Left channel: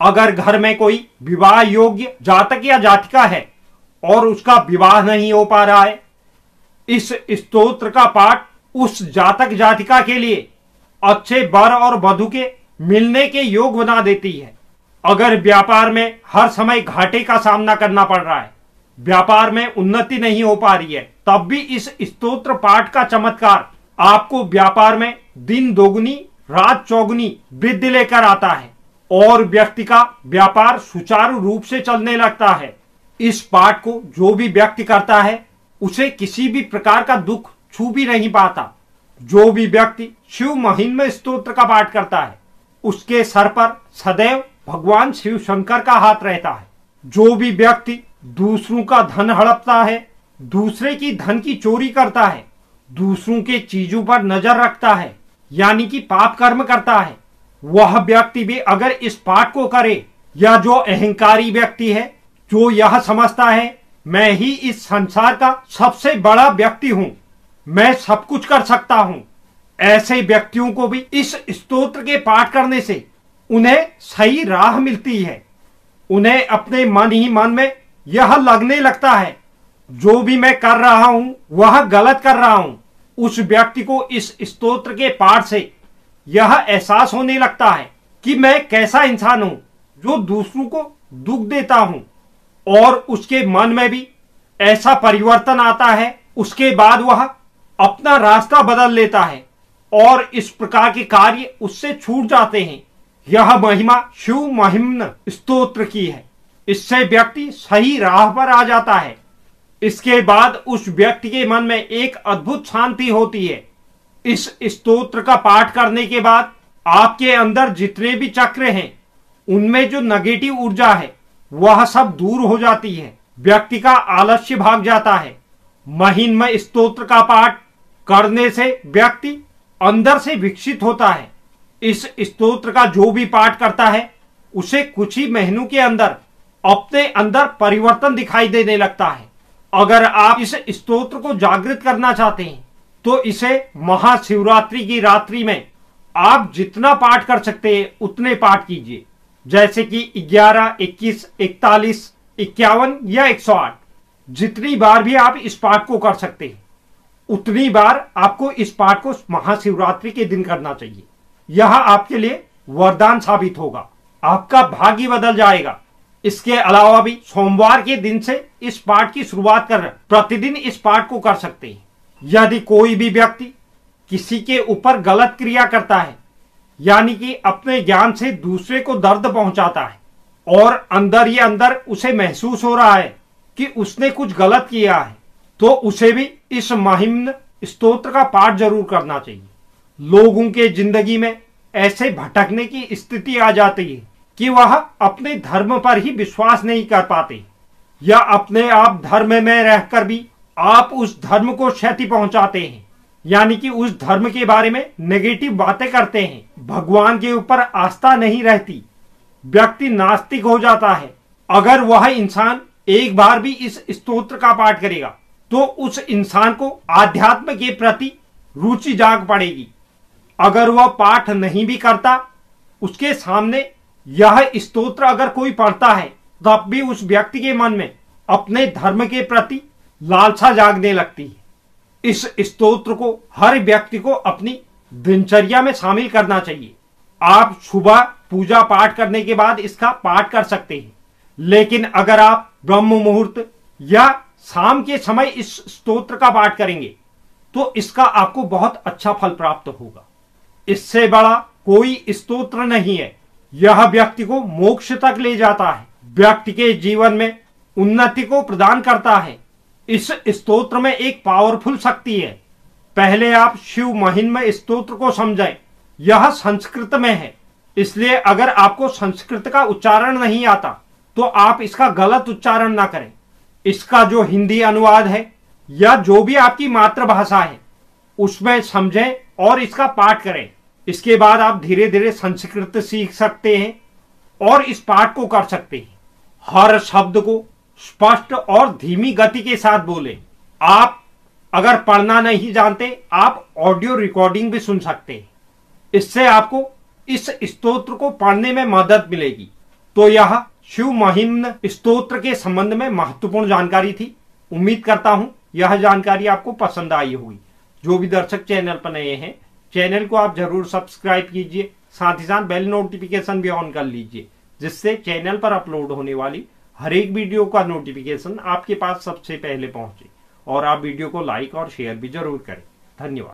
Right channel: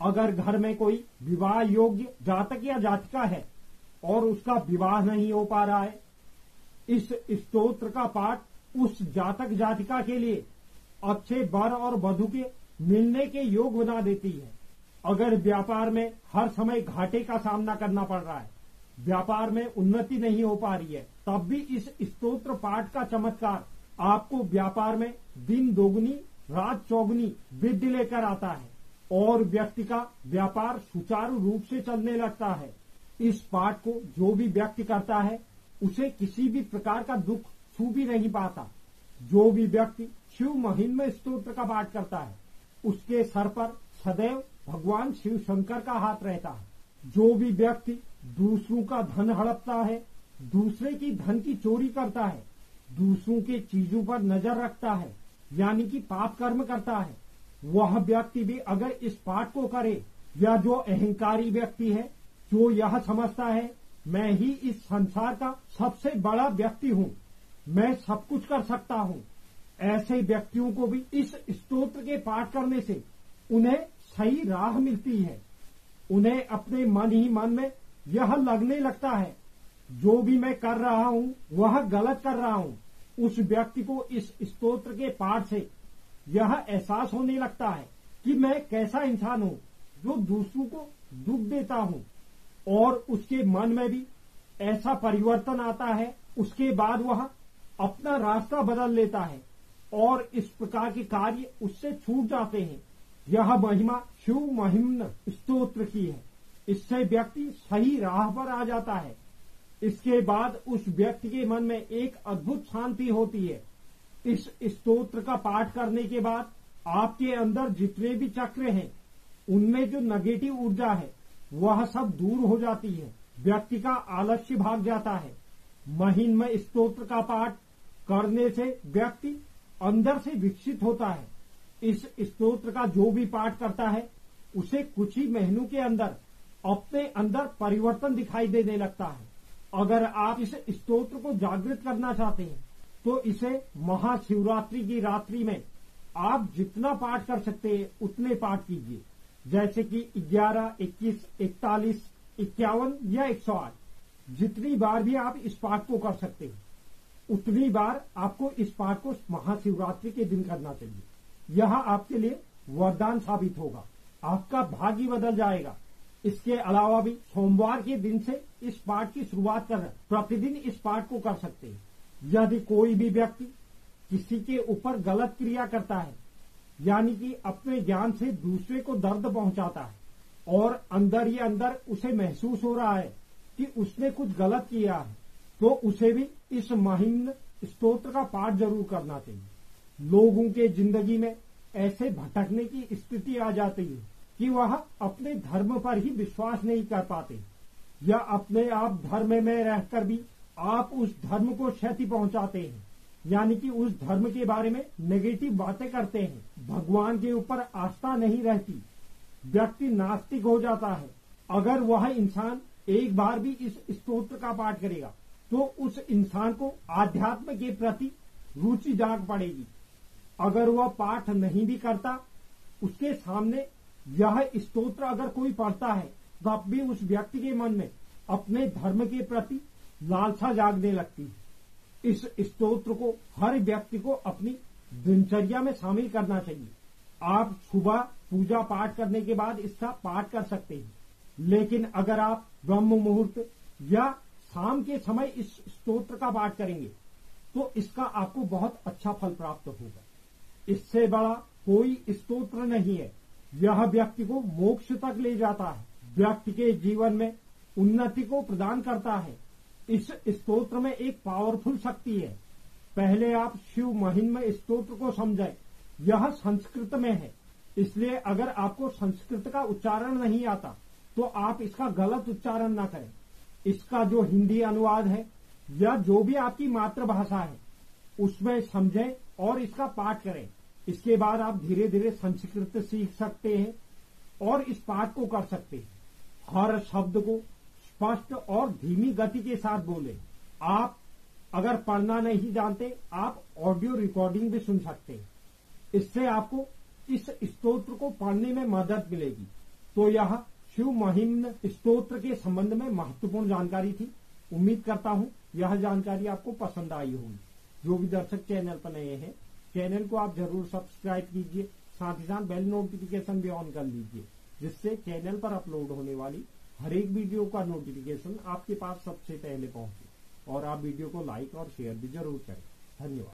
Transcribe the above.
अगर घर में कोई विवाह योग्य जातक या जातिका है और उसका विवाह नहीं हो पा रहा है, इस स्तोत्र का पाठ उस जातक जातिका के लिए अच्छे वर और वधु के मिलने के योग बना देती है। अगर व्यापार में हर समय घाटे का सामना करना पड़ रहा है, व्यापार में उन्नति नहीं हो पा रही है, तब भी इस स्तोत्र पाठ का चमत्कार आपको व्यापार में दिन दोगुनी रात चौगुनी वृद्धि लेकर आता है और व्यक्ति का व्यापार सुचारू रूप से चलने लगता है। इस पाठ को जो भी व्यक्ति करता है उसे किसी भी प्रकार का दुख छू भी नहीं पाता। जो भी व्यक्ति शिव महिम्न स्तोत्र का पाठ करता है उसके सर पर सदैव भगवान शिव शंकर का हाथ रहता है। जो भी व्यक्ति दूसरों का धन हड़पता है, दूसरे की धन की चोरी करता है, दूसरों के चीजों पर नजर रखता है, यानी कि पाप कर्म करता है, वह व्यक्ति भी अगर इस पाठ को करे, या जो अहंकारी व्यक्ति है जो यह समझता है मैं ही इस संसार का सबसे बड़ा व्यक्ति हूं, मैं सब कुछ कर सकता हूं, ऐसे व्यक्तियों को भी इस स्तोत्र के पाठ करने से उन्हें सही राह मिलती है। उन्हें अपने मन ही मन में यह लगने लगता है जो भी मैं कर रहा हूं वह गलत कर रहा हूं। उस व्यक्ति को इस स्तोत्र के पाठ से यह एहसास होने लगता है कि मैं कैसा इंसान हूं जो दूसरों को दुख देता हूं, और उसके मन में भी ऐसा परिवर्तन आता है। उसके बाद वह अपना रास्ता बदल लेता है और इस प्रकार के कार्य उससे छूट जाते हैं। यह महिमा शिव महिम्न स्तोत्र की है। इससे व्यक्ति सही राह पर आ जाता है। इसके बाद उस व्यक्ति के मन में एक अद्भुत शांति होती है। इस स्तोत्र का पाठ करने के बाद आपके अंदर जितने भी चक्र हैं उनमें जो नेगेटिव ऊर्जा है वह सब दूर हो जाती है। व्यक्ति का आलस्य भाग जाता है। महिम्न स्तोत्र का पाठ करने से व्यक्ति अंदर से विकसित होता है। इस स्तोत्र का जो भी पाठ करता है उसे कुछ ही महीनों के अंदर अपने अंदर परिवर्तन दिखाई देने लगता है। अगर आप इस स्तोत्र को जागृत करना चाहते हैं तो इसे महाशिवरात्रि की रात्रि में आप जितना पाठ कर सकते हैं उतने पाठ कीजिए, जैसे कि 11, 21, 41, 51 या 108। जितनी बार भी आप इस पाठ को कर सकते हैं उतनी बार आपको इस पाठ को महाशिवरात्रि के दिन करना चाहिए। यह आपके लिए वरदान साबित होगा, आपका भाग्य बदल जाएगा। इसके अलावा भी सोमवार के दिन से इस पाठ की शुरुआत कर प्रतिदिन इस पाठ को कर सकते हैं। यदि कोई भी व्यक्ति किसी के ऊपर गलत क्रिया करता है, यानी कि अपने ज्ञान से दूसरे को दर्द पहुंचाता है और अंदर ही अंदर उसे महसूस हो रहा है कि उसने कुछ गलत किया है, तो उसे भी इस महिम्न स्तोत्र का पाठ जरूर करना चाहिए। लोगों के जिंदगी में ऐसे भटकने की स्थिति आ जाती है कि वह अपने धर्म पर ही विश्वास नहीं कर पाते, या अपने आप धर्म में रहकर भी आप उस धर्म को क्षति पहुंचाते हैं, यानी कि उस धर्म के बारे में नेगेटिव बातें करते हैं। भगवान के ऊपर आस्था नहीं रहती, व्यक्ति नास्तिक हो जाता है। अगर वह इंसान एक बार भी इस स्तोत्र का पाठ करेगा तो उस इंसान को आध्यात्म के प्रति रुचि जाग पड़ेगी। अगर वह पाठ नहीं भी करता, उसके सामने यह स्तोत्र अगर कोई पढ़ता है तब भी उस व्यक्ति के मन में अपने धर्म के प्रति लालसा जागने लगती है। इस स्तोत्र को हर व्यक्ति को अपनी दिनचर्या में शामिल करना चाहिए। आप सुबह पूजा पाठ करने के बाद इसका पाठ कर सकते हैं, लेकिन अगर आप ब्रह्म मुहूर्त या शाम के समय इस स्तोत्र का पाठ करेंगे तो इसका आपको बहुत अच्छा फल प्राप्त होगा। इससे बड़ा कोई स्तोत्र नहीं है। यह व्यक्ति को मोक्ष तक ले जाता है, व्यक्ति के जीवन में उन्नति को प्रदान करता है। इस स्तोत्र में एक पावरफुल शक्ति है। पहले आप शिव महिम्न स्तोत्र को समझें। यह संस्कृत में है, इसलिए अगर आपको संस्कृत का उच्चारण नहीं आता तो आप इसका गलत उच्चारण ना करें। इसका जो हिंदी अनुवाद है या जो भी आपकी मातृभाषा है उसमें समझें और इसका पाठ करें। इसके बाद आप धीरे धीरे संस्कृत सीख सकते हैं और इस पाठ को कर सकते हैं। हर शब्द को स्पष्ट और धीमी गति के साथ बोलें। आप अगर पढ़ना नहीं जानते, आप ऑडियो रिकॉर्डिंग भी सुन सकते हैं। इससे आपको इस स्तोत्र को पढ़ने में मदद मिलेगी। तो यह शिव महिम्न स्तोत्र के संबंध में महत्वपूर्ण जानकारी थी। उम्मीद करता हूं यह जानकारी आपको पसंद आई होगी। जो भी दर्शक चैनल पर नए हैं, चैनल को आप जरूर सब्सक्राइब कीजिए, साथ ही साथ बेल नोटिफिकेशन भी ऑन कर लीजिए, जिससे चैनल पर अपलोड होने वाली हर एक वीडियो का नोटिफिकेशन आपके पास सबसे पहले पहुंचे। और आप वीडियो को लाइक और शेयर भी जरूर करें। धन्यवाद।